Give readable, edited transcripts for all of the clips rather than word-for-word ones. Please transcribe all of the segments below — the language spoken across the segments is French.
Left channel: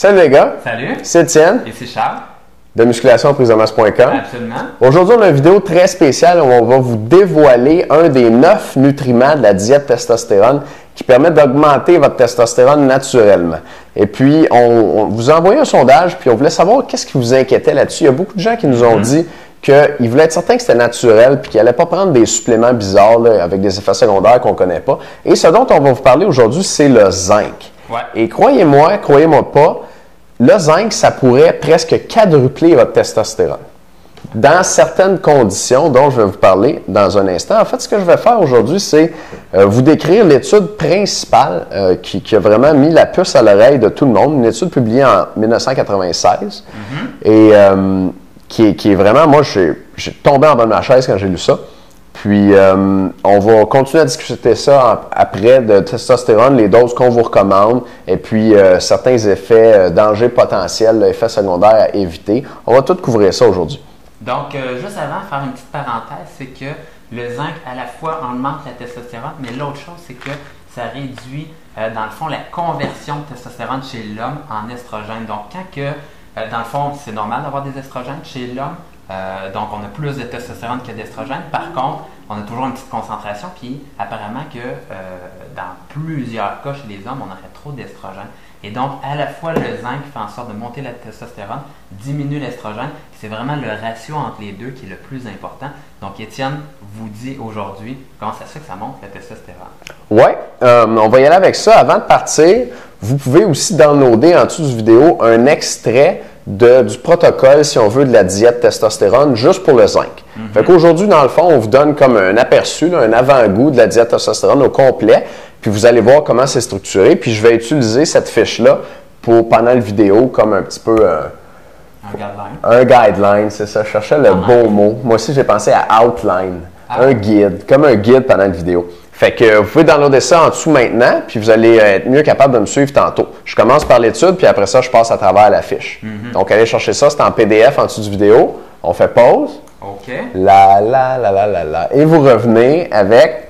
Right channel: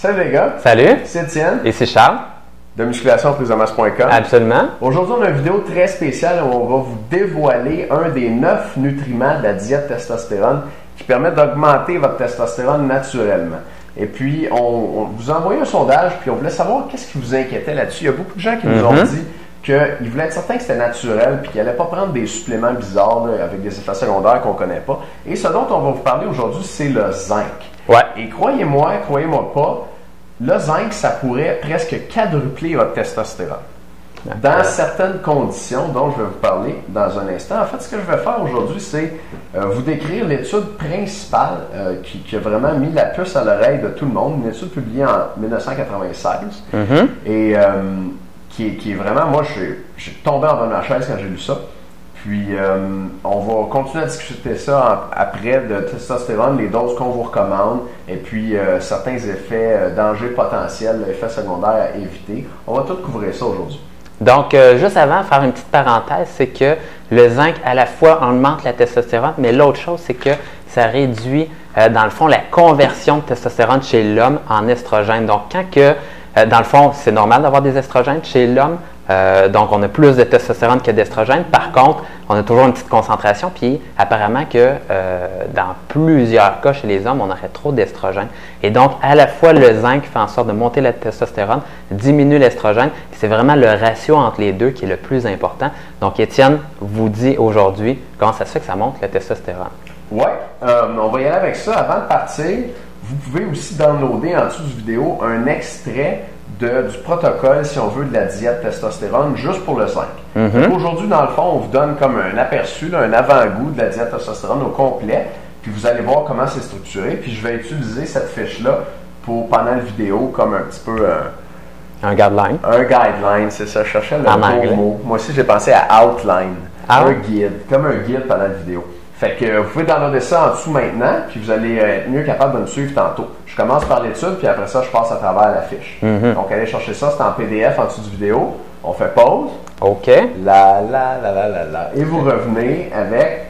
Salut les gars! Salut! C'est Étienne. Et c'est Charles. De musculationpriseamasse.com. Absolument. Aujourd'hui, on a une vidéo très spéciale où on va vous dévoiler un des 9 nutriments de la diète testostérone qui permet d'augmenter votre testostérone naturellement. Et puis, on vous a envoyé un sondage, puis on voulait savoir qu'est-ce qui vous inquiétait là-dessus. Il y a beaucoup de gens qui nous ont dit qu'ils voulaient être certains que c'était naturel, puis qu'ils n'allaient pas prendre des suppléments bizarres là, avec des effets secondaires qu'on ne connaît pas. Et ce dont on va vous parler aujourd'hui, c'est le zinc. Ouais. Et croyez-moi pas, le zinc, ça pourrait presque quadrupler votre testostérone. Dans certaines conditions dont je vais vous parler dans un instant. En fait, ce que je vais faire aujourd'hui, c'est vous décrire l'étude principale qui a vraiment mis la puce à l'oreille de tout le monde. Une étude publiée en 1996 et qui est vraiment, moi, j'ai tombé en bas de ma chaise quand j'ai lu ça. Puis, on va continuer à discuter ça après de testostérone, les doses qu'on vous recommande, et puis certains effets, dangers potentiels, effets secondaires à éviter. On va tout couvrir ça aujourd'hui. Donc, juste avant, faire une petite parenthèse, c'est que le zinc, à la fois, augmente la testostérone, mais l'autre chose, c'est que ça réduit, dans le fond, la conversion de testostérone chez l'homme en estrogène. Donc, quand que, dans le fond, c'est normal d'avoir des estrogènes chez l'homme, donc on a plus de testostérone que d'estrogène. Par contre, on a toujours une petite concentration, puis apparemment que dans plusieurs cas chez les hommes, on aurait trop d'estrogène. Et donc, à la fois, le zinc fait en sorte de monter la testostérone, diminue l'estrogène, c'est vraiment le ratio entre les deux qui est le plus important. Donc, Étienne vous dit aujourd'hui comment ça se fait que ça monte la testostérone. Oui, on va y aller avec ça. Avant de partir, vous pouvez aussi downloader en dessous de vidéo un extrait du protocole, si on veut, de la diète testostérone, juste pour le zinc. Aujourd'hui, dans le fond, on vous donne comme un aperçu, là, un avant-goût de la diète testostérone au complet, puis vous allez voir comment c'est structuré, puis je vais utiliser cette fiche-là pendant la vidéo comme un petit peu Un guideline. un guideline, c'est ça, je cherchais le bon mot. Moi aussi, j'ai pensé à outline, un guide, comme un guide pendant la vidéo. Fait que vous pouvez downloader ça en dessous maintenant, puis vous allez être mieux capable de me suivre tantôt. Je commence par l'étude, puis après ça, je passe à travers la fiche. Donc, allez chercher ça, c'est en PDF en dessous du vidéo. On fait pause. OK. Et vous revenez avec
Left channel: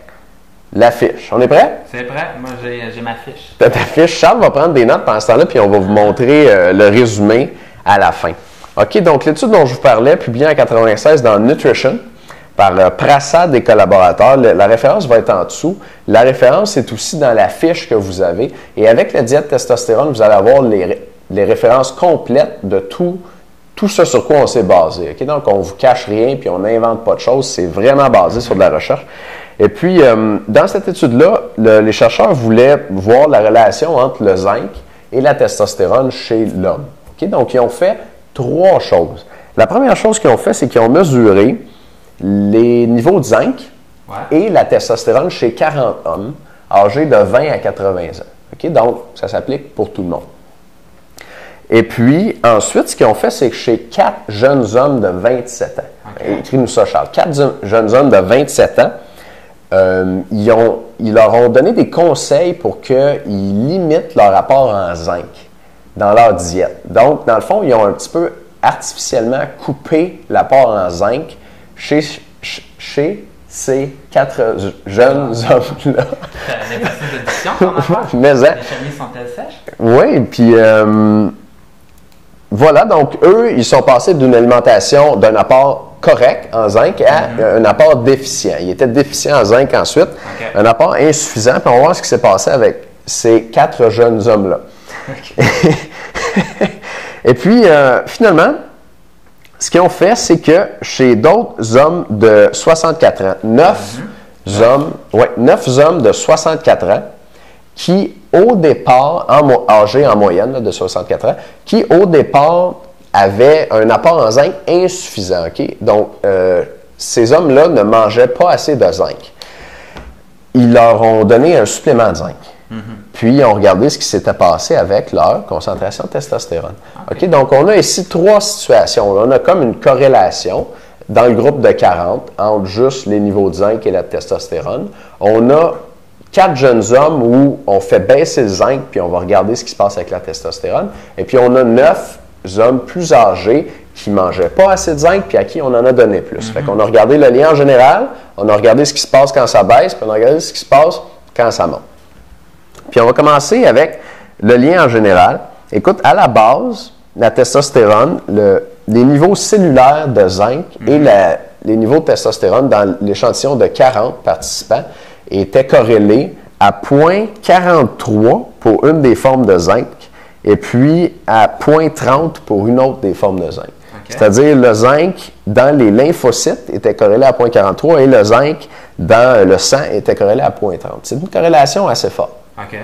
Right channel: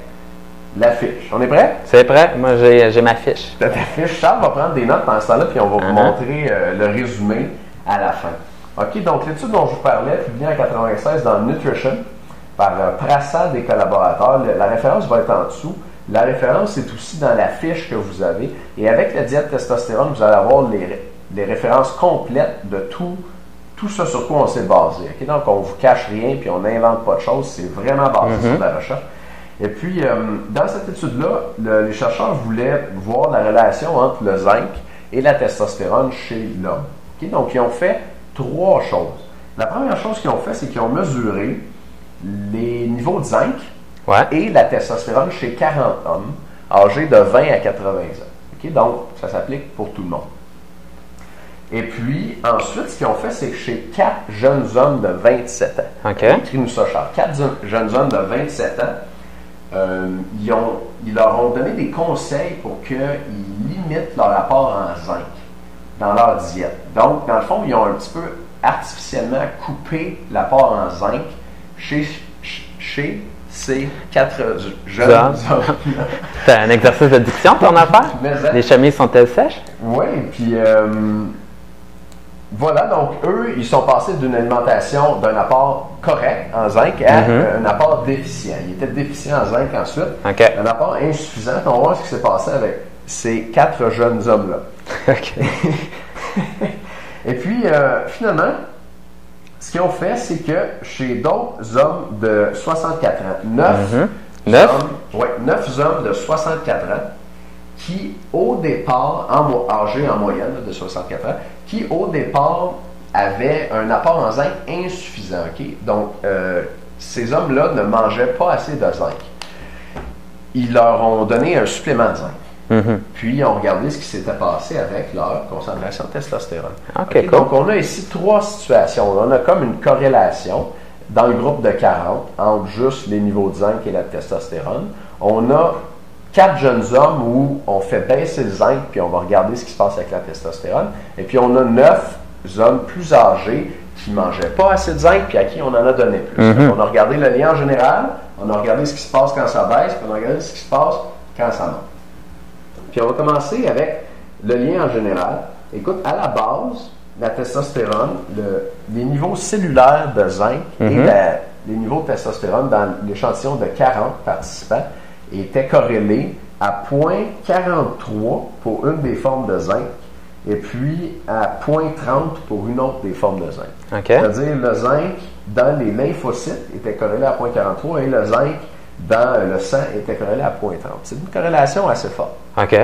la fiche. On est prêt? C'est prêt? Moi, j'ai ma fiche. Ta fiche. Charles va prendre des notes pendant ce temps-là, puis on va vous montrer le résumé à la fin. OK, donc l'étude dont je vous parlais, publiée en 1996 dans Nutrition, par Prasad et collaborateurs. La référence va être en dessous. La référence est aussi dans la fiche que vous avez. Et avec la diète testostérone, vous allez avoir les références complètes de tout ce sur quoi on s'est basé. Okay? Donc, on ne vous cache rien puis on n'invente pas de choses. C'est vraiment basé sur de la recherche. Et puis, dans cette étude-là, les chercheurs voulaient voir la relation entre le zinc et la testostérone chez l'homme. Okay? Donc, ils ont fait 3 choses. La première chose qu'ils ont fait, c'est qu'ils ont mesuré les niveaux de zinc et la testostérone chez 40 hommes âgés de 20 à 80 ans. Okay? Donc, ça s'applique pour tout le monde. Et puis, ensuite, ce qu'ils ont fait, c'est que chez 4 jeunes hommes de 27 ans, écris-nous ça, Charles, 4 jeunes hommes de 27 ans, ils leur ont donné des conseils pour qu'ils limitent leur apport en zinc dans leur diète. Donc, dans le fond, ils ont un petit peu artificiellement coupé l'apport en zinc chez ces 4 jeunes hommes-là. C'est un exercice de diction qu'on a fait? Les chemises sont-elles sèches? Oui, puis voilà, donc eux, ils sont passés d'une alimentation, d'un apport correct en zinc à un apport déficient. Ils étaient déficients en zinc ensuite, un apport insuffisant, puis on va voir ce qui s'est passé avec ces 4 jeunes hommes-là. Et puis, finalement, ce qu'ils ont fait, c'est que chez d'autres hommes de 64 ans, 9 hommes de 64 ans, qui au départ, âgés en moyenne là, de 64 ans, qui au départ avaient un apport en zinc insuffisant. Okay? Donc, ces hommes-là ne mangeaient pas assez de zinc. Ils leur ont donné un supplément de zinc. Puis, ils ont regardé ce qui s'était passé avec leur concentration de testostérone. Okay, cool. Donc, on a ici 3 situations. On a comme une corrélation dans le groupe de 40 entre juste les niveaux de zinc et la testostérone. On a 4 jeunes hommes où on fait baisser le zinc, puis on va regarder ce qui se passe avec la testostérone. Et puis, on a 9 hommes plus âgés qui ne mangeaient pas assez de zinc, puis à qui on en a donné plus. On a regardé le lien en général, on a regardé ce qui se passe quand ça baisse, puis on a regardé ce qui se passe quand ça monte. Puis on va commencer avec le lien en général. Écoute, à la base, la testostérone, les niveaux cellulaires de zinc et les niveaux de testostérone dans l'échantillon de 40 participants étaient corrélés à 0,43 pour une des formes de zinc et puis à 0,30 pour une autre des formes de zinc. Okay. C'est-à-dire le zinc dans les lymphocytes était corrélé à 0,43 et le zinc dans le sang était corrélé à 0,30. C'est une corrélation assez forte. OK.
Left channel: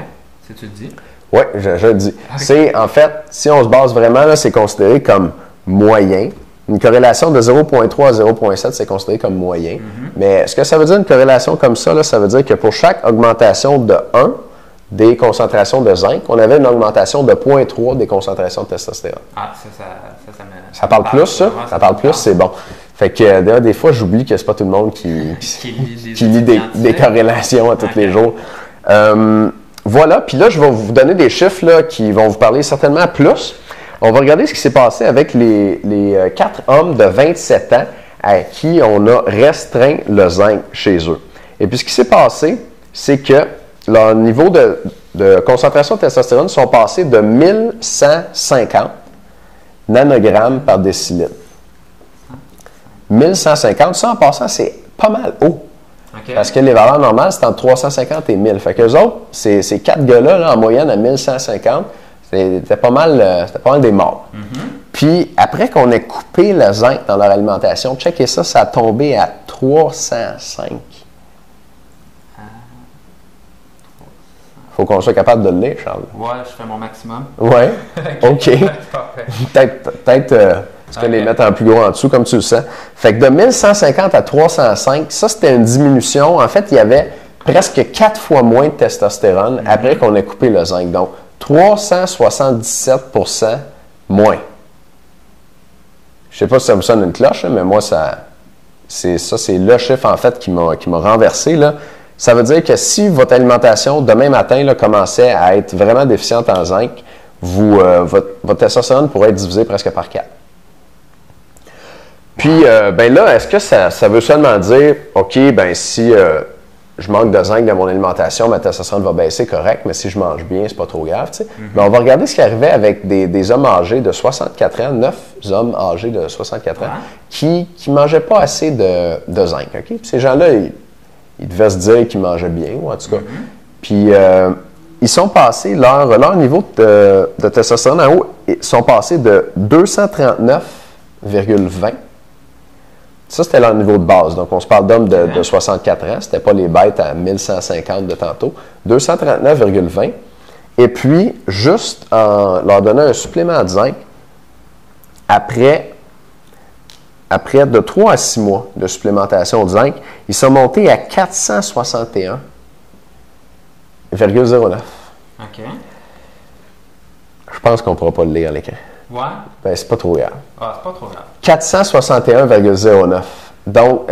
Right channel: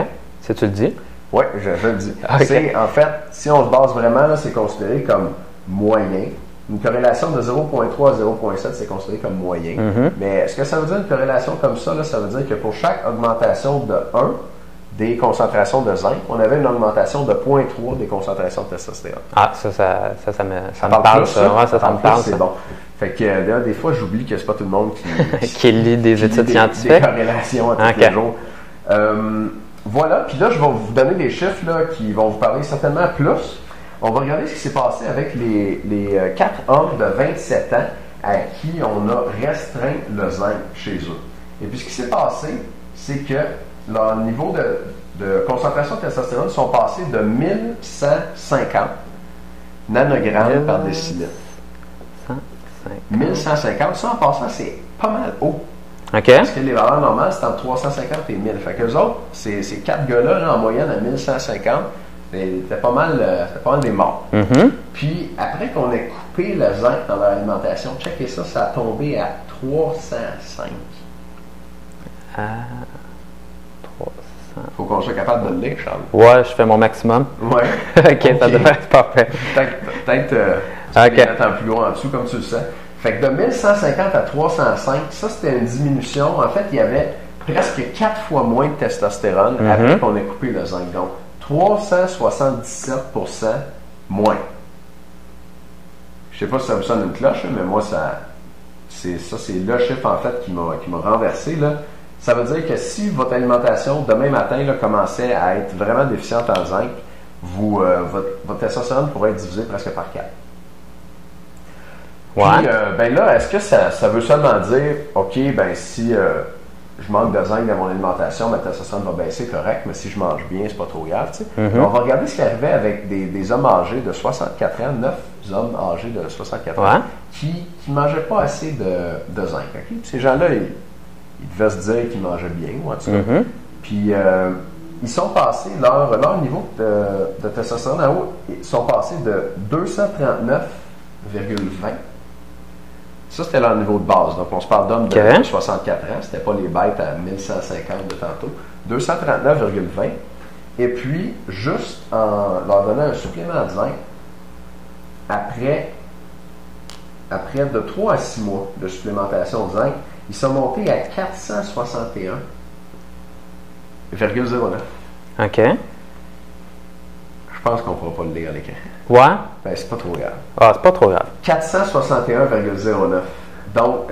Si tu le dis. Oui, je le dis. Okay. C'est, en fait, si on se base vraiment, là, c'est considéré comme moyen. Une corrélation de 0,3 à 0,7, c'est considéré comme moyen. Mais ce que ça veut dire, une corrélation comme ça, là, ça veut dire que pour chaque augmentation de 1 des concentrations de zinc, on avait une augmentation de 0,3 des concentrations de testostérone. Ah, ça me Ça parle plus, ça? Ouais, Ça parle plus, c'est bon. Fait que d'ailleurs, des fois, j'oublie que c'est pas tout le monde qui lit des qui études lit scientifiques. des corrélations à tous les jours. Voilà, puis là, je vais vous donner des chiffres là, qui vont vous parler certainement plus. On va regarder ce qui s'est passé avec les 4 hommes de 27 ans à qui on a restreint le zinc chez eux. Et puis, ce qui s'est passé, c'est que leur niveau de concentration de testostérone sont passés de 1150 nanogrammes par décilitre. 1150, ça en passant, c'est pas mal haut. OK. Parce que les valeurs normales, c'est entre 350 et 1000. Fait qu'eux autres, ces 4 gars-là, là, en moyenne, à 1150, c'était pas mal des morts. Puis, après qu'on ait coupé le zinc dans leur alimentation, checkez ça, ça a tombé à 305. Faut qu'on soit capable de le lire, Charles. Ouais, je fais mon maximum. Ouais. OK. Parfait. Peut-être tu peux les mettre en plus gros en dessous, comme tu le sais. Fait que de 1150 à 305, ça, c'était une diminution. En fait, il y avait presque 4 fois moins de testostérone après qu'on ait coupé le zinc. Donc, 377 moins. Je sais pas si ça vous sonne une cloche, mais moi, c'est le chiffre, en fait, qui m'a renversé, là. Ça veut dire que si votre alimentation, demain matin, là, commençait à être vraiment déficiente en zinc, votre testostérone pourrait être divisé presque par 4. Puis, ben là, est-ce que ça veut seulement dire, OK, ben si je manque de zinc dans mon alimentation, ma testostérone va baisser, correct, mais si je mange bien, c'est pas trop grave, tu sais. Mais on va regarder ce qui arrivait avec des hommes âgés de 64 ans, 9 hommes âgés de 64 ans, qui mangeaient pas assez de zinc, OK? Puis ces gens-là, ils devaient se dire qu'ils mangeaient bien, ou en tout cas. Puis, ils sont passés, leur niveau de testostérone en haut, ils sont passés de 239,20. Ça, c'était leur niveau de base. Donc, on se parle d'hommes de 64 ans. C'était pas les bêtes à 1150 de tantôt. 239,20. Et puis, juste en leur donnant un supplément de zinc, après de 3 à 6 mois de supplémentation de zinc, ils sont montés à 461,09. OK. Je pense qu'on ne pourra pas le lire à l'écran. Ouais. Ben, c'est pas trop grave. Ah, c'est pas trop grave. 461,09. Donc,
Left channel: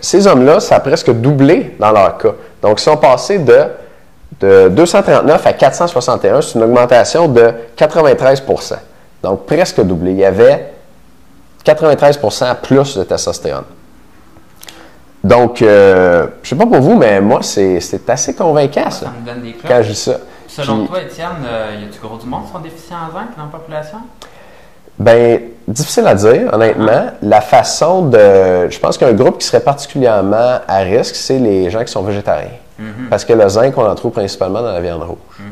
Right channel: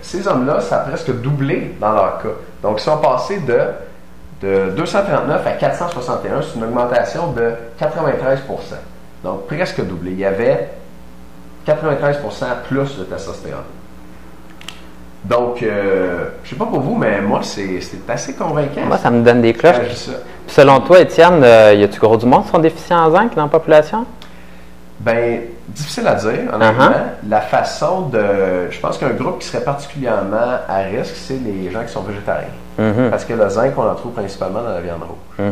ces hommes-là, ça a presque doublé dans leur cas. Donc, ils sont passés de 239 à 461. C'est une augmentation de 93 %. Donc, presque doublé. Il y avait 93 % plus de testostérone. Donc, je ne sais pas pour vous, mais moi, c'est assez convaincant. Moi, ça me donne des cloches. Quand je dis ça. Puis selon toi, Étienne, y a-tu gros du monde qui sont déficients en zinc dans la population? Bien, difficile à dire, honnêtement. La façon de... Je pense qu'un groupe qui serait particulièrement à risque, c'est les gens qui sont végétariens. Parce que le zinc, on en trouve principalement dans la viande rouge.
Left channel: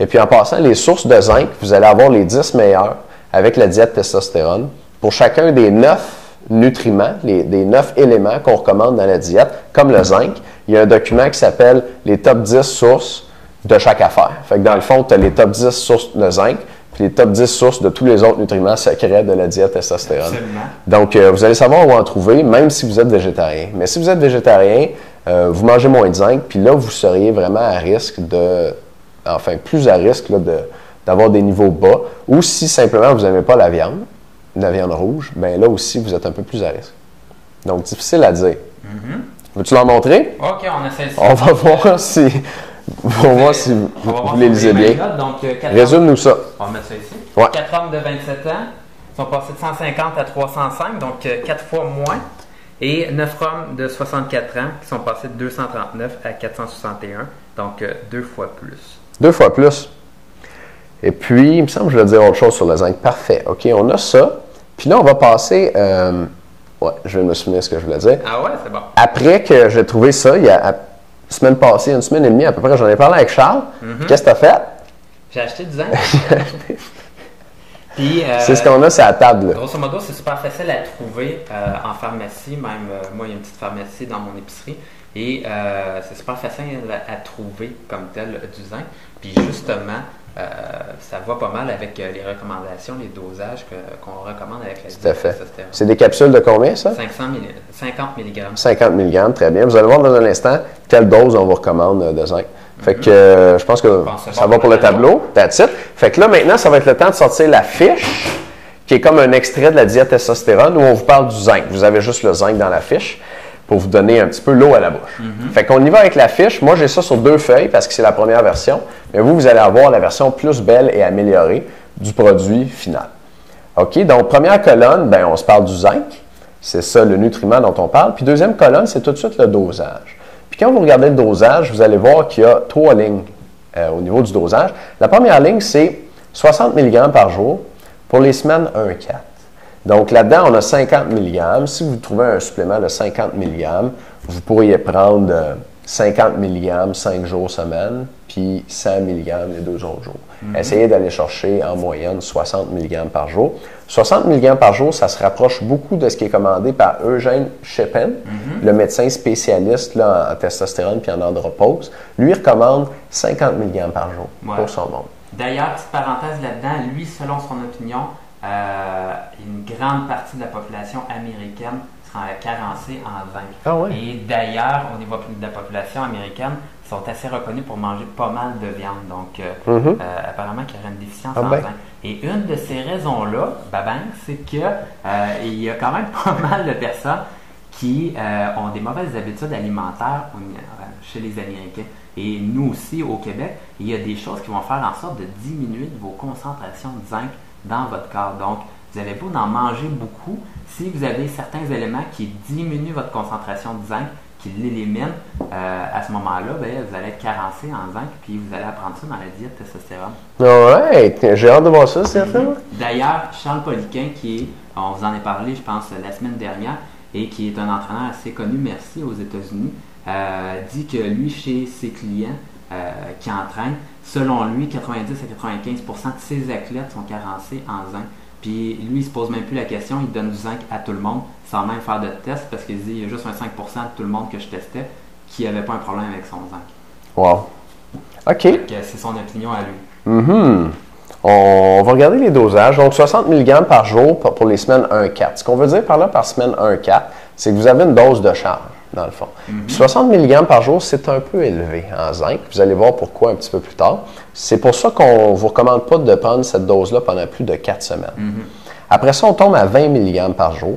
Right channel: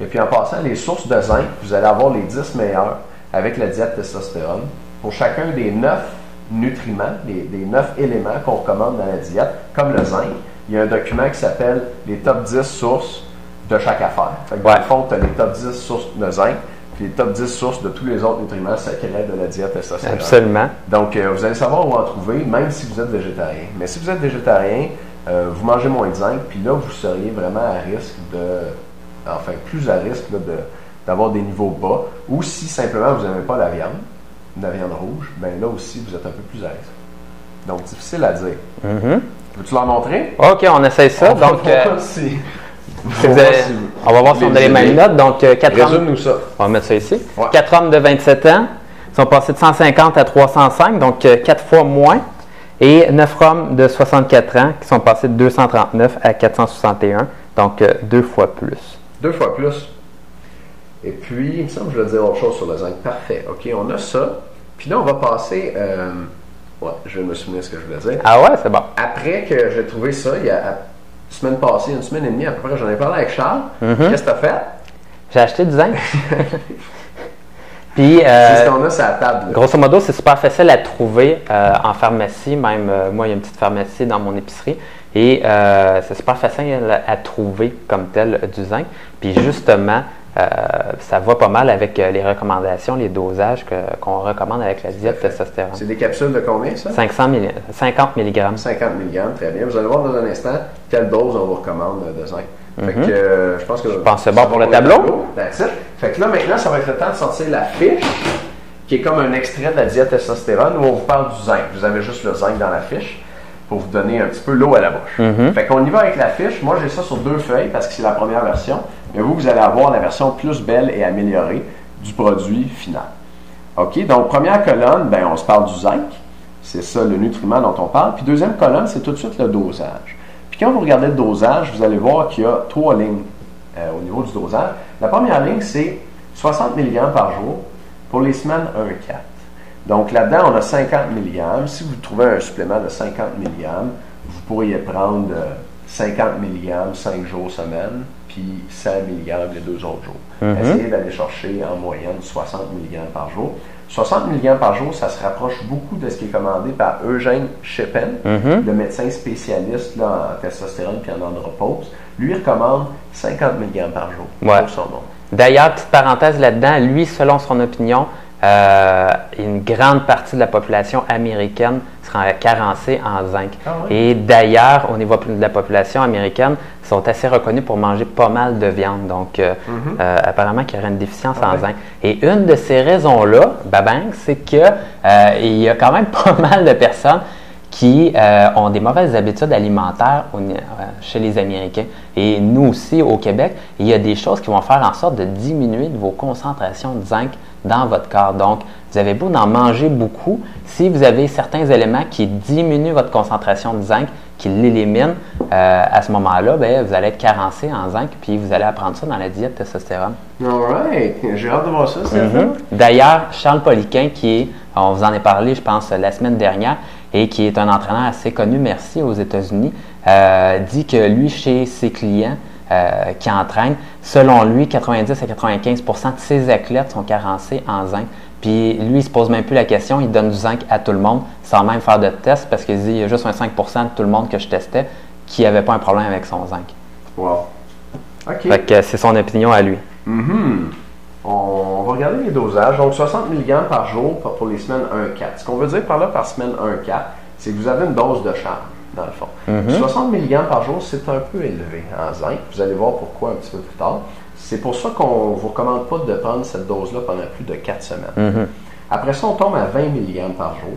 Et puis, en passant, les sources de zinc, vous allez avoir les 10 meilleures avec la diète testostérone. Pour chacun des 9 nutriments, des 9 éléments qu'on recommande dans la diète, comme le zinc, il y a un document qui s'appelle les top 10 sources de chaque affaire. Fait que dans le fond, tu as les top 10 sources de zinc, puis les top 10 sources de tous les autres nutriments secrets de la diète testostérone. Absolument. Donc, vous allez savoir où en trouver, même si vous êtes végétarien. Mais si vous êtes végétarien, vous mangez moins de zinc, puis là, vous seriez vraiment à risque plus à risque là, d'avoir des niveaux bas. Ou si simplement vous n'aimez pas la viande rouge, bien là aussi, vous êtes un peu plus à risque. Donc, difficile à dire. Veux-tu l'en montrer? OK, on essaie ça. On va voir si... on va voir si on a les mêmes notes. Donc, 4 Résume-nous ça. On va mettre ça ici. Ouais. 4 hommes de 27 ans sont passés de 150 à 305, donc 4 fois moins. Et 9 hommes de 64 ans qui sont passés de 239 à 461, donc 2 fois plus. 2 fois plus. Et puis, il me semble que je vais dire autre chose sur le zinc. Parfait. OK, on a ça. Puis là, on va passer... ouais, je me souviens de ce que je voulais dire. Ah ouais, c'est bon. Après que j'ai trouvé ça, il y a la semaine passée, une semaine et demie à peu près, j'en ai parlé avec Charles. Qu'est-ce que tu as fait? J'ai acheté du zinc. Puis, c'est ce qu'on a sur la table. Là. Grosso modo, c'est super facile à trouver en pharmacie. Même moi, il y a une petite pharmacie dans mon épicerie. Et c'est super facile à trouver comme tel du zinc. Puis justement, ça va pas mal avec les recommandations, les dosages qu'on recommande avec la diète testostérone. C'est des capsules de combien, ça? 50 mg. 50 mg, très bien. Vous allez voir dans un instant quelle dose on vous recommande de zinc. Fait que je pense que ça va pour le tableau. That's it. Fait que là, maintenant, ça va être le temps de sortir la fiche, qui est comme un extrait de la diète testostérone où on vous parle du zinc. Vous avez juste le zinc dans la fiche pour vous donner un petit peu l'eau à la bouche. Fait qu'on y va avec la fiche. Moi, j'ai ça sur 2 feuilles parce que c'est la première version. Mais vous allez avoir la version plus belle et améliorée du produit final. OK? Donc, première colonne, ben, on se parle du zinc. C'est ça, le nutriment dont on parle. Puis deuxième colonne, c'est tout de suite le dosage. Puis quand vous regardez le dosage, vous allez voir qu'il y a 3 lignes au niveau du dosage. La première ligne, c'est 60 mg par jour pour les semaines 1-4. Donc là-dedans, on a 50 mg. Si vous trouvez un supplément de 50 mg, vous pourriez prendre 50 mg 5 jours semaine, puis 100 mg les 2 autres jours. Essayez d'aller chercher en moyenne 60 mg par jour. 60 mg par jour, ça se rapproche beaucoup de ce qui est commandé par Eugène Scheppen, le médecin spécialiste là, en testostérone puis en andropause. Lui, il recommande 50 mg par jour pour son monde. D'ailleurs, petite parenthèse là-dedans, lui, selon son opinion, une grande partie de la population américaine sera carencée en zinc. Ah oui? Et d'ailleurs, au niveau de la population américaine, ils sont assez reconnus pour manger pas mal de viande. Donc, apparemment qu'il y aurait une déficience en zinc. Et une de ces raisons-là, c'est que il y a quand même pas mal de personnes qui ont des mauvaises habitudes alimentaires chez les Américains. Et nous aussi, au Québec, il y a des choses qui vont faire en sorte de diminuer vos concentrations de zinc dans votre corps. Donc, vous avez beau d'en manger beaucoup, si vous avez certains éléments qui diminuent votre concentration de zinc, qui l'éliminent, à ce moment-là, vous allez être carencé en zinc, puis vous allez apprendre ça dans la diète testostérone. Ouais, j'ai hâte de voir ça, c'est ça. D'ailleurs, Charles Poliquin, on vous en a parlé, je pense, la semaine dernière, et qui est un entraîneur assez connu, merci, aux États-Unis, dit que lui, chez ses clients qui entraînent, selon lui, 90 à 95 % de ses athlètes sont carencés en zinc. Puis lui, il ne se pose même plus la question, il donne du zinc à tout le monde sans même faire de test parce qu'il dit il y a juste un 5 % de tout le monde que je testais qui n'avait pas un problème avec son zinc. Wow. OK. Fait que c'est son opinion à lui. On va regarder les dosages. Donc, 60 mg par jour pour les semaines 1-4. Ce qu'on veut dire par là, par semaine 1-4, c'est que vous avez une dose de charge, dans le fond. 60 mg par jour, c'est un peu élevé en zinc. Vous allez voir pourquoi un petit peu plus tard. C'est pour ça qu'on ne vous recommande pas de prendre cette dose-là pendant plus de 4 semaines. Après ça, on tombe à 20 mg par jour.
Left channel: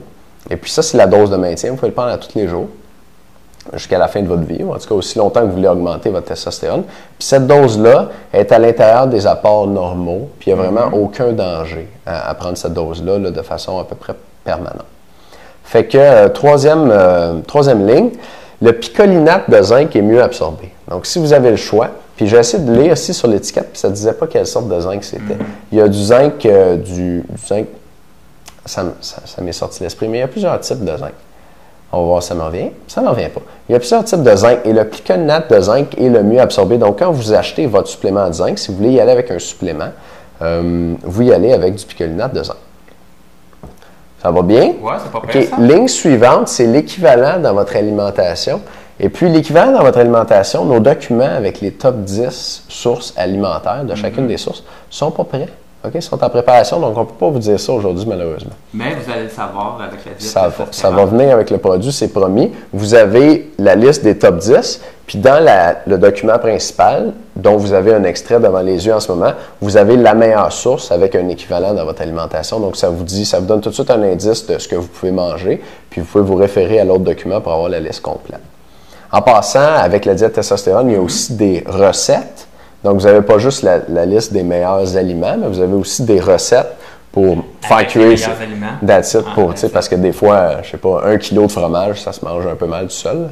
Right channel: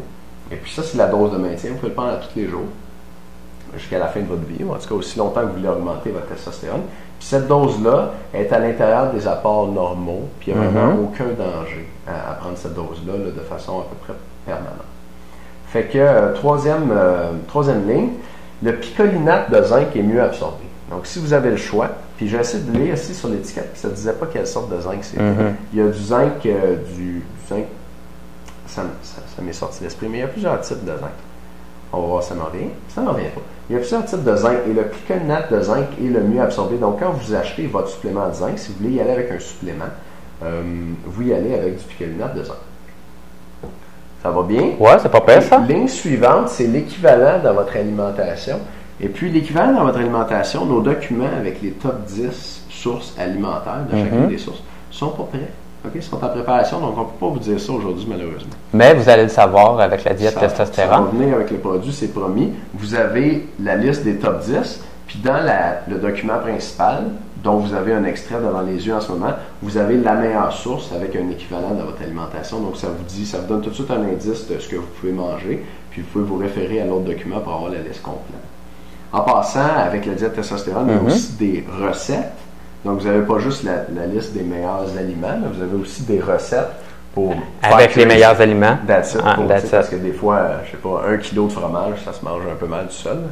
Et puis ça, c'est la dose de maintien. Vous pouvez le prendre à tous les jours, jusqu'à la fin de votre vie, ou en tout cas aussi longtemps que vous voulez augmenter votre testostérone. Puis cette dose-là est à l'intérieur des apports normaux, puis il n'y a vraiment aucun danger à prendre cette dose-là de façon à peu près permanente. Fait que, troisième ligne, le picolinate de zinc est mieux absorbé. Donc, si vous avez le choix, puis j'ai essayé de lire aussi sur l'étiquette, puis ça ne disait pas quelle sorte de zinc c'était. Il y a du zinc, du zinc, ça m'est sorti de l'esprit, mais il y a plusieurs types de zinc. On va voir, ça me revient. Ça ne me revient pas. Il y a plusieurs types de zinc et le picolinate de zinc est le mieux absorbé. Donc, quand vous achetez votre supplément de zinc, si vous voulez y aller avec un supplément, vous y allez avec du picolinate de zinc. Ça va bien? Oui, c'est pas pire, ça. Ligne suivante, c'est l'équivalent dans votre alimentation. Et puis, l'équivalent dans votre alimentation, nos documents avec les top 10 sources alimentaires de chacune des sources sont pas prêts. OK? Ils sont en préparation, donc on ne peut pas vous dire ça aujourd'hui, malheureusement. Mais vous allez le savoir avec la diète testostérone. Ça va venir avec le produit, c'est promis. Vous avez la liste des top 10, puis dans le document principal, dont vous avez un extrait devant les yeux en ce moment, vous avez la meilleure source avec un équivalent dans votre alimentation. Donc, ça vous donne tout de suite un indice de ce que vous pouvez manger, puis vous pouvez vous référer à l'autre document pour avoir la liste complète. En passant, avec la diète testostérone, il y a aussi des recettes. Donc, vous n'avez pas juste la liste des meilleurs aliments, mais vous avez aussi des recettes pour faire cuire les meilleurs aliments. Parce que des fois, je sais pas, 1 kilo de fromage, ça se mange un peu mal tout seul.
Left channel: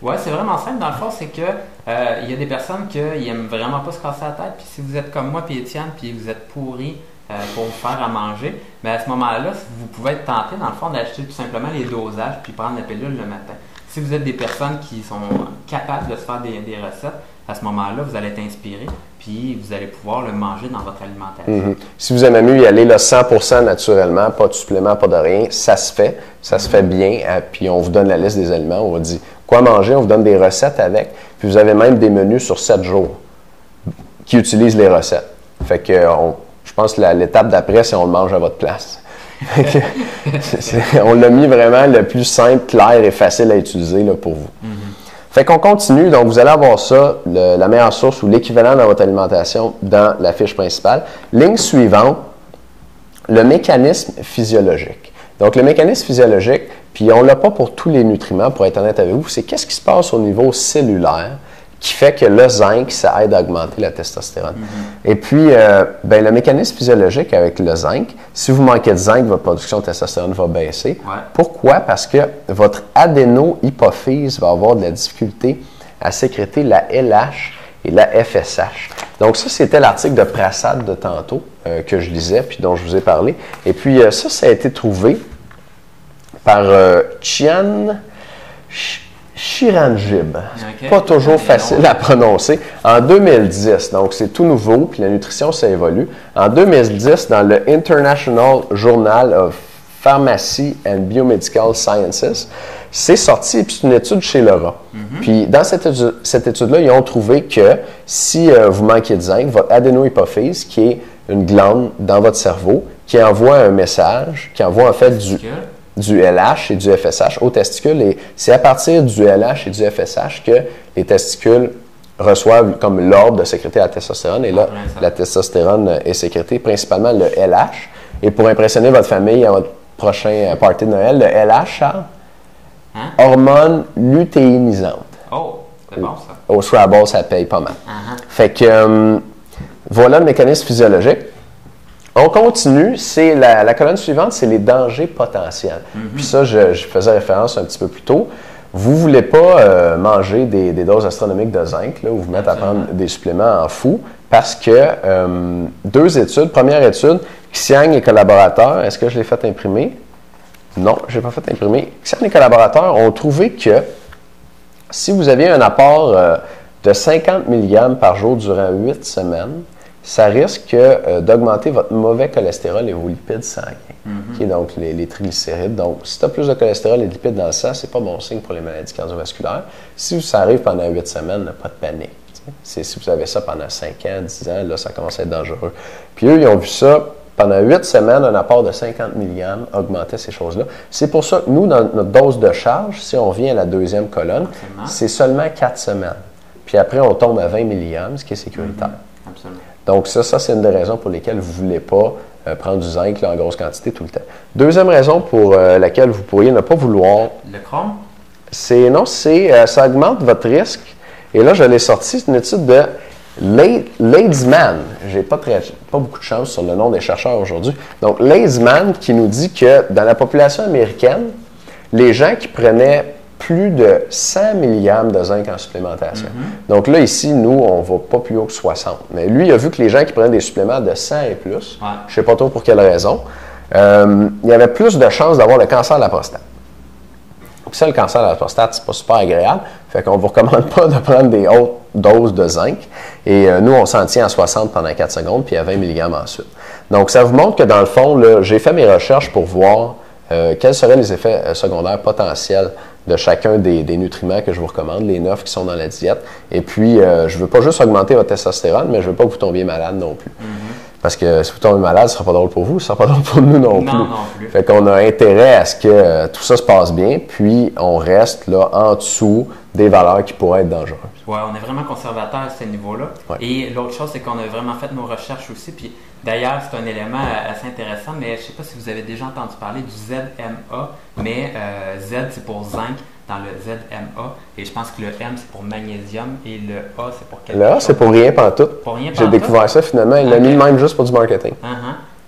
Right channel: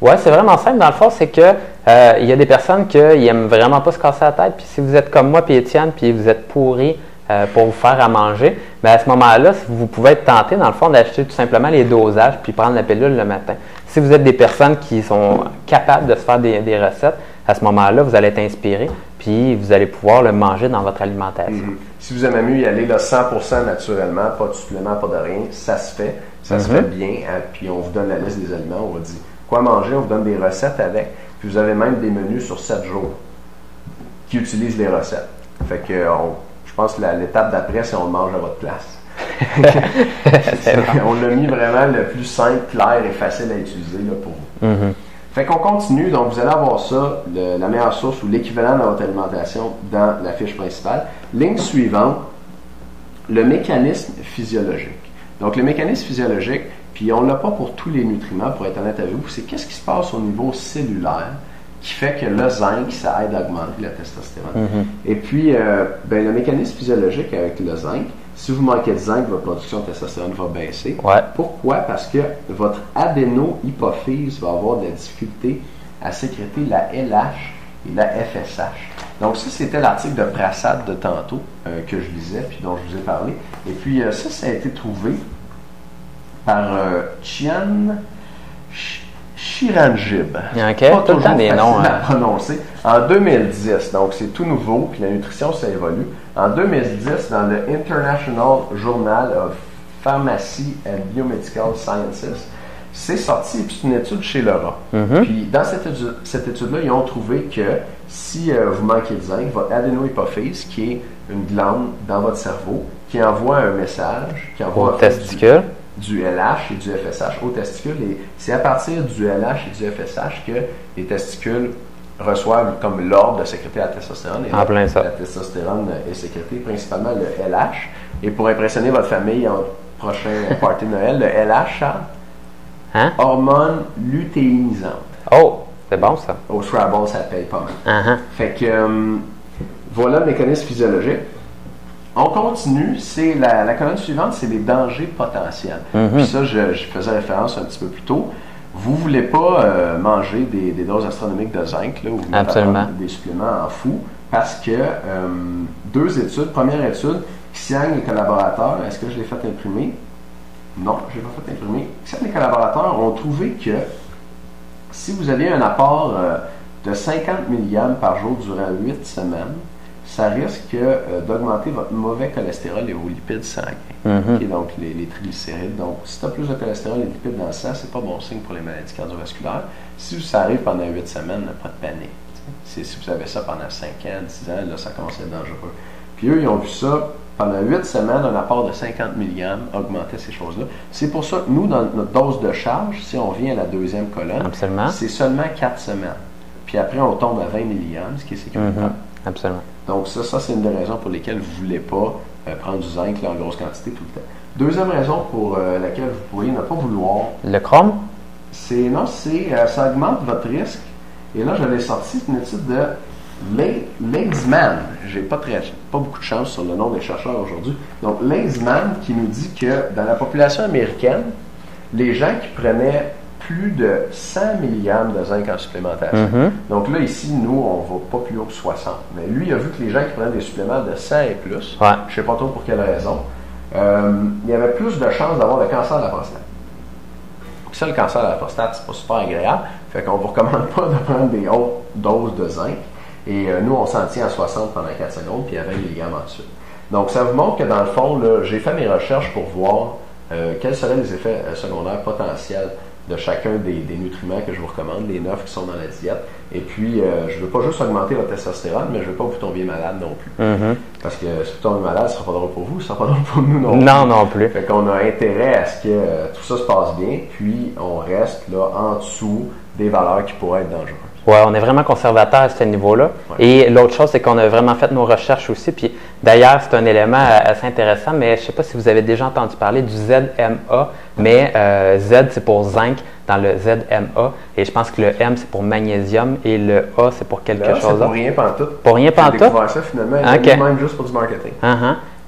Oui, c'est vraiment simple. Dans le fond, c'est que Il y a des personnes qui n'aiment vraiment pas se casser la tête. Puis si vous êtes comme moi puis Étienne, puis vous êtes pourri pour vous faire à manger, bien à ce moment-là, vous pouvez être tenté, dans le fond, d'acheter tout simplement les dosages puis prendre la pilule le matin. Si vous êtes des personnes qui sont capables de se faire des recettes, à ce moment-là, vous allez être inspiré, puis vous allez pouvoir le manger dans votre alimentation. Si vous aimez mieux y aller là, 100% naturellement, pas de supplément, pas de rien, ça se fait. Ça se fait bien. Puis on vous donne la liste des aliments. On vous dit quoi manger. On vous donne des recettes avec. Puis vous avez même des menus sur 7 jours qui utilisent les recettes. Fait que je pense que l'étape d'après, c'est on le mange à votre place. On l'a mis vraiment le plus simple, clair et facile à utiliser là, pour vous. Fait qu'on continue, donc vous allez avoir ça, la meilleure source ou l'équivalent dans votre alimentation dans la fiche principale. Ligne suivante, le mécanisme physiologique. Donc le mécanisme physiologique, puis on ne l'a pas pour tous les nutriments, pour être honnête avec vous, c'est qu'est-ce qui se passe au niveau cellulaire qui fait que le zinc, ça aide à augmenter la testostérone. Et puis, le mécanisme physiologique avec le zinc, si vous manquez de zinc, votre production de testostérone va baisser. Pourquoi? Parce que votre adéno-hypophyse va avoir de la difficulté à sécréter la LH et la FSH. Donc ça, c'était l'article de Prasad de tantôt que je lisais, puis dont je vous ai parlé. Et puis ça a été trouvé par Chian Chiranjib. Pas toujours facile à prononcer. En 2010, donc c'est tout nouveau, puis la nutrition, ça évolue. En 2010, dans le International Journal of Pharmacy and Biomedical Sciences, c'est sorti, puis c'est une étude chez le rat. Puis dans cette étude-là, ils ont trouvé que si vous manquez de zinc, votre adéno-hypophyse, qui est une glande dans votre cerveau, qui envoie un message, qui envoie en fait du LH et du FSH aux testicules. Et c'est à partir du LH et du FSH que les testicules reçoivent comme l'ordre de sécréter la testostérone. Et là, la testostérone est sécrétée, principalement le LH. Et pour impressionner votre famille à votre prochain party de Noël, le LH, Charles, hormone lutéinisante. Oh, c'est bon ça. Au Scrabble, ça paye pas mal. Fait que voilà le mécanisme physiologique. On continue, c'est la colonne suivante, c'est les dangers potentiels. Puis ça, je faisais référence un petit peu plus tôt. Vous ne voulez pas manger des doses astronomiques de zinc, là, ou vous mettre à prendre des suppléments en fou, parce que deux études. Première étude, Xiang et collaborateurs, est-ce que je l'ai fait imprimer? Non, je n'ai pas fait imprimer. Xiang et collaborateurs ont trouvé que si vous aviez un apport de 50 mg par jour durant 8 semaines, ça risque d'augmenter votre mauvais cholestérol et vos lipides sanguins, donc les triglycérides. Donc, si tu as plus de cholestérol et de lipides dans le sang, ce n'est pas bon signe pour les maladies cardiovasculaires. Si ça arrive pendant 8 semaines, pas de panique. Si vous avez ça pendant 5 ans, 10 ans, là, ça commence à être dangereux. Puis eux, ils ont vu ça pendant 8 semaines, un apport de 50 mg augmentait ces choses-là. C'est pour ça que nous, dans notre dose de charge, si on vient à la deuxième colonne, c'est seulement 4 semaines. Puis après, on tombe à 20 mg, ce qui est sécuritaire. Absolument. Donc ça c'est une des raisons pour lesquelles vous ne voulez pas prendre du zinc là, en grosse quantité tout le temps. Deuxième raison pour laquelle vous pourriez ne pas vouloir... Le chrome? Ça augmente votre risque. Et là, je l'ai sorti, c'est une étude de Leidsman. J'ai pas beaucoup de chance sur le nom des chercheurs aujourd'hui. Donc, Leidsman qui nous dit que dans la population américaine, les gens qui prenaient plus de 100 mg de zinc en supplémentation. Donc là, ici, nous, on ne va pas plus haut que 60. Mais lui, il a vu que les gens qui prenaient des suppléments de 100 et plus, je ne sais pas trop pour quelle raison, il y avait plus de chances d'avoir le cancer de la prostate. Puis ça, le cancer de la prostate, c'est pas super agréable. Fait qu'on ne vous recommande pas de prendre des hautes doses de zinc. Et nous, on s'en tient à 60 pendant 4 secondes, puis à 20 mg ensuite. Donc, ça vous montre que dans le fond, j'ai fait mes recherches pour voir quels seraient les effets secondaires potentiels de chacun des nutriments que je vous recommande, les 9 qui sont dans la diète. Et puis, je ne veux pas juste augmenter votre testostérone, mais je ne veux pas que vous tombiez malade non plus. Parce que si vous tombez malade, ce ne sera pas drôle pour vous, ce ne sera pas drôle pour nous non plus. Non plus. Fait qu'on a intérêt à ce que tout ça se passe bien, puis on reste là en dessous des valeurs qui pourraient être dangereuses. Oui, on est vraiment conservateur à ce niveau-là. Et l'autre chose, c'est qu'on a vraiment fait nos recherches aussi. Puis d'ailleurs, c'est un élément assez intéressant, mais je ne sais pas si vous avez déjà entendu parler du ZMA, mais Z, c'est pour zinc dans le ZMA. Et je pense que le M, c'est pour magnésium et le A, c'est pour quelque chose. C'est pour rien pantoute. Pour rien pantoute. J'ai découvert ça finalement, il l'a mis même juste pour du marketing.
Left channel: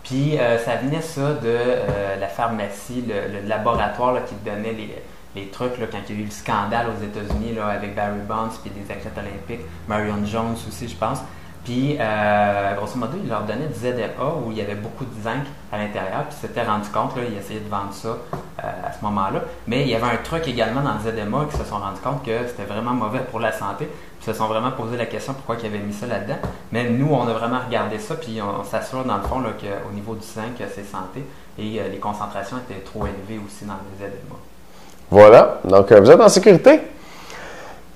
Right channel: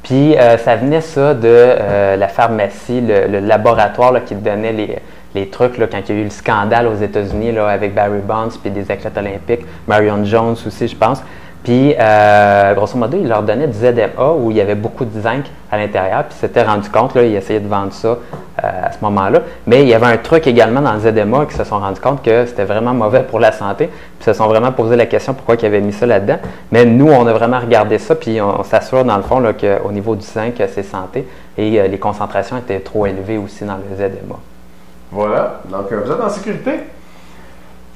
Puis ça venait ça de la pharmacie, le laboratoire là, qui donnait les trucs, là, quand il y a eu le scandale aux États-Unis là, avec Barry Bonds puis des athlètes olympiques, Marion Jones aussi, je pense. Puis, grosso modo, il leur donnait du ZMA où il y avait beaucoup de zinc à l'intérieur. Puis, s'était rendu compte, là, ils essayaient de vendre ça à ce moment-là. Mais il y avait un truc également dans le ZMA qui se sont rendus compte que c'était vraiment mauvais pour la santé. Puis, se sont vraiment posé la question pourquoi ils avaient mis ça là-dedans. Mais nous, on a vraiment regardé ça. Puis, on s'assure, dans le fond, là, qu'au niveau du zinc, c'est santé. Et les concentrations étaient trop élevées aussi dans le ZMA. Voilà. Donc, vous êtes en sécurité.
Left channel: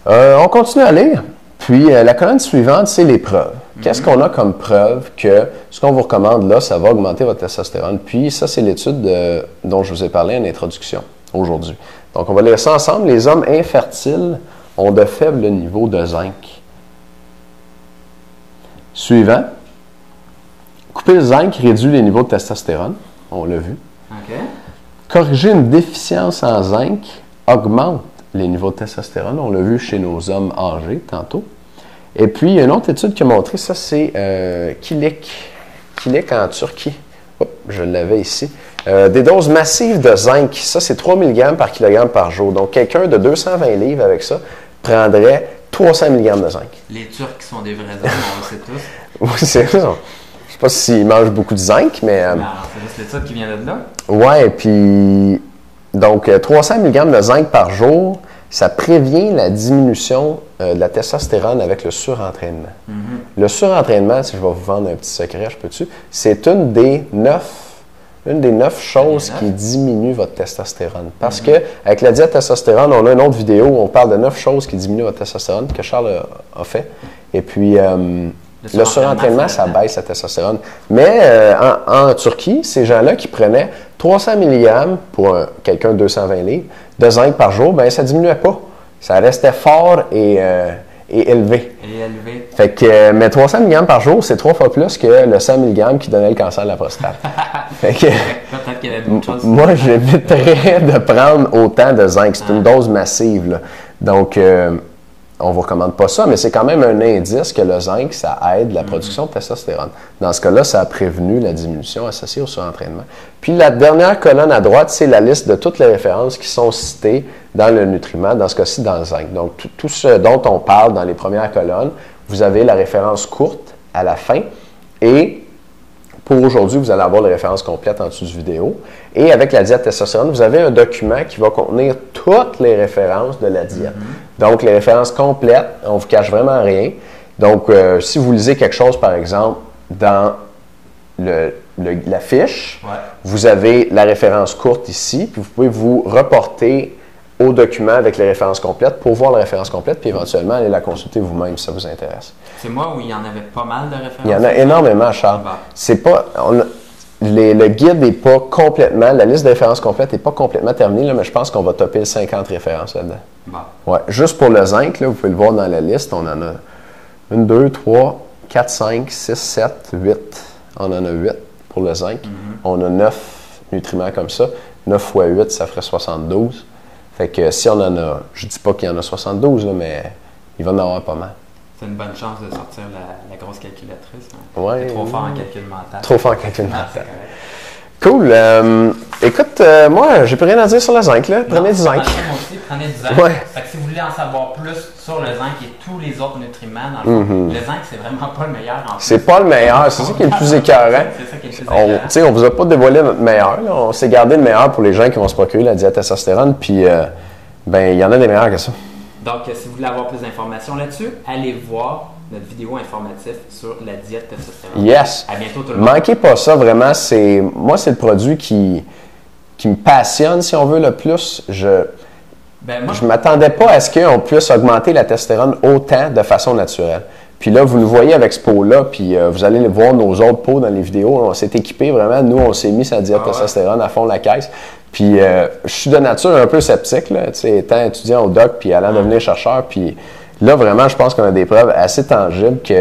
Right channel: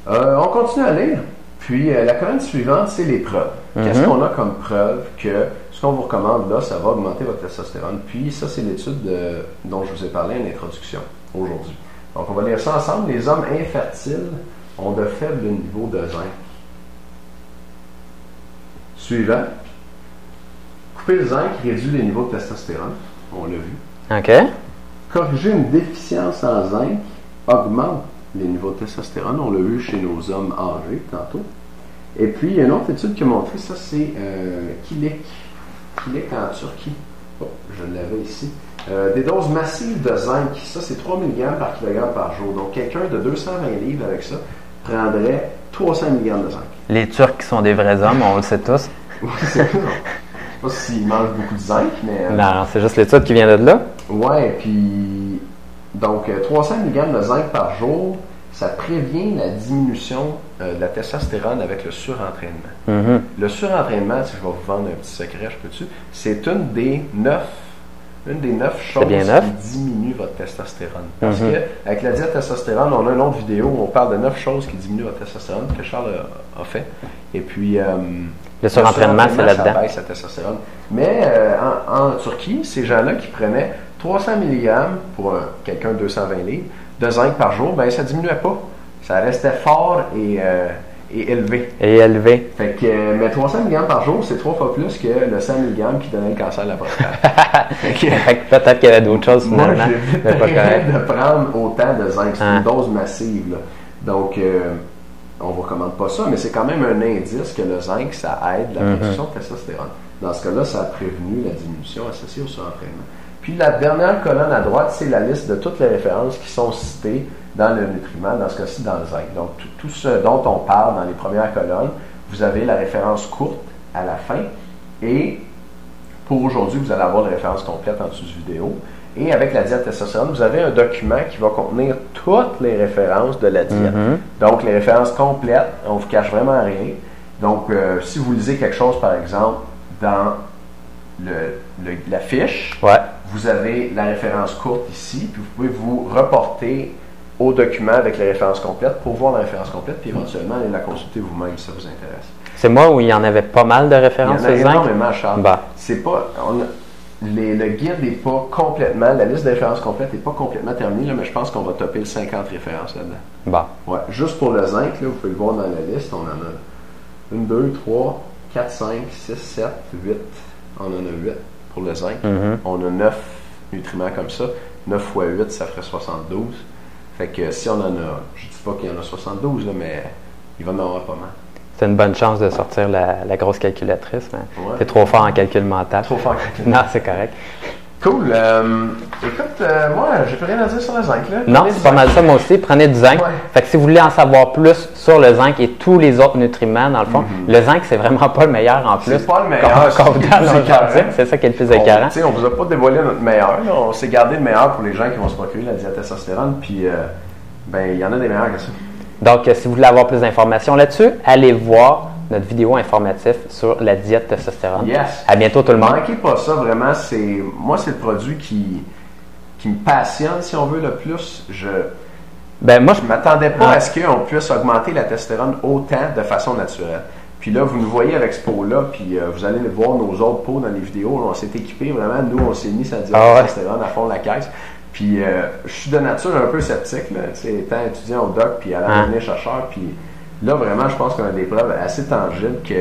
On continue à lire. Puis, la colonne suivante, c'est les preuves. Qu'est-ce qu'on a comme preuve que ce qu'on vous recommande là, ça va augmenter votre testostérone? Puis, ça, c'est l'étude dont je vous ai parlé en introduction aujourd'hui. Donc, on va lire ça ensemble. Les hommes infertiles ont de faibles niveaux de zinc. Suivant. Couper le zinc réduit les niveaux de testostérone. On l'a vu. OK. Corriger une déficience en zinc augmente les niveaux de testostérone. On l'a vu chez nos hommes âgés tantôt. Et puis, une autre étude qui a montré ça, c'est Kilik en Turquie. Oh, je l'avais ici. Des doses massives de zinc. Ça, c'est 3 mg par kilogramme par jour. Donc, quelqu'un de 220 livres avec ça prendrait 300 mg de zinc. Les Turcs qui sont des vrais hommes, on le sait tous. Oui, c'est ça. Je ne sais pas s'ils mangent beaucoup de zinc, mais... non, c'est juste l'étude qui vient de là. Ouais, puis... Donc, 300 mg de zinc par jour, ça prévient la diminution de la testostérone avec le surentraînement. Le surentraînement, si je vais vous vendre un petit secret, je peux-tu? C'est une des 9 choses qui diminuent votre testostérone. Parce que avec la diète testostérone, on a une autre vidéo où on parle de 9 choses qui diminuent votre testostérone que Charles a fait. Et puis, le surentraînement, ça baisse la testostérone. Mais en Turquie, ces gens-là qui prenaient 300 mg pour quelqu'un de 220 livres de zinc par jour, ben ça ne diminuait pas. Ça restait fort et élevé. Fait que, mais 300 mg par jour, c'est 3 fois plus que le 100 mg qui donnait le cancer de la prostate. Peut-être qu'il y avait d'autres choses. Moi, j'éviterais de prendre autant de zinc. C'est une dose massive, là. Donc, on ne vous recommande pas ça, mais c'est quand même un indice que le zinc, ça aide la production de testostérone. Dans ce cas-là, ça a prévenu la diminution associée au surentraînement. Puis la dernière colonne à droite, c'est la liste de toutes les références qui sont citées dans le nutriment, dans ce cas-ci dans le zinc. Donc, tout ce dont on parle dans les premières colonnes, vous avez la référence courte à la fin. Et pour aujourd'hui, vous allez avoir les références complètes en dessous de vidéo. Et avec la diète testostérone, vous avez un document qui va contenir toutes les références de la diète. Donc, les références complètes, on ne vous cache vraiment rien. Donc, si vous lisez quelque chose, par exemple, dans la fiche, vous avez la référence courte ici, puis vous pouvez vous reporter au document avec les références complètes pour voir la référence complète, puis éventuellement aller la consulter vous-même si ça vous intéresse. C'est moi où il y en avait pas mal de références. Il y en a énormément, Charles. C'est pas... le guide n'est pas complètement, la liste de références complètes n'est pas complètement terminée, là, mais je pense qu'on va topper 50 références là-dedans. Ouais, juste pour le zinc, là, vous pouvez le voir dans la liste, on en a 1, 2, 3, 4, 5, 6, 7, 8. On en a 8 pour le zinc. On a 9 nutriments comme ça. 9 fois 8, ça ferait 72. Fait que si on en a, je dis pas qu'il y en a 72, là, mais il va en avoir pas mal. C'est une bonne chance de sortir la grosse calculatrice, mais t'es trop fort en calcul mental. Trop fort en calcul mental. Non, c'est correct. Cool. Écoute, moi, j'ai plus rien à dire sur le zinc. Là. Non, c'est pas mal ça, moi aussi. Prenez du zinc. Fait que si vous voulez en savoir plus sur le zinc et tous les autres nutriments, dans le fond, le zinc, c'est vraiment pas le meilleur en plus. C'est pas le meilleur, c'est le plus écœurant. C'est ça qui est le plus écœurant. On vous a pas dévoilé notre meilleur. On s'est gardé le meilleur pour les gens qui vont se procurer la diète testostérone. Puis, il y en a des meilleurs que ça. Donc, si vous voulez avoir plus d'informations là-dessus, allez voir notre vidéo informative sur la diète testostérone. Yes! À bientôt tout le monde. Manquez pas ça, vraiment. Moi, c'est le produit qui me passionne, si on veut, le plus. Je ne m'attendais pas à ce qu'on puisse augmenter la testostérone autant de façon naturelle. Puis là, vous nous voyez avec ce pot-là, puis vous allez voir nos autres pots dans les vidéos. On s'est équipés vraiment. Nous, on s'est mis sa diète testostérone à fond de la caisse. Puis je suis de nature un peu sceptique, là, étant étudiant au doc, puis allant devenir chercheur, puis là, vraiment, je pense qu'on a des preuves assez tangibles qu'il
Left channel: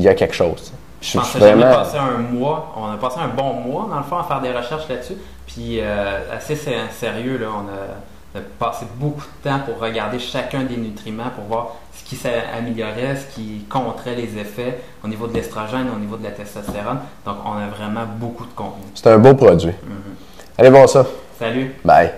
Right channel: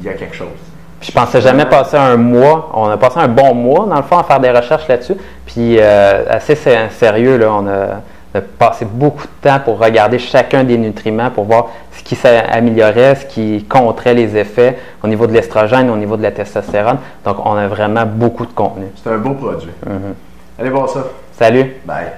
y a quelque chose. Je pensais jamais passer un mois. On a passé un bon mois, dans le fond, à faire des recherches là-dessus. Puis, assez sérieux, là, on a passé beaucoup de temps pour regarder chacun des nutriments, pour voir ce qui s'améliorait, ce qui contrait les effets au niveau de l'estrogène, au niveau de la testostérone. Donc, on a vraiment beaucoup de contenu. C'est un beau produit. Allez voir ça. Salut. Bye.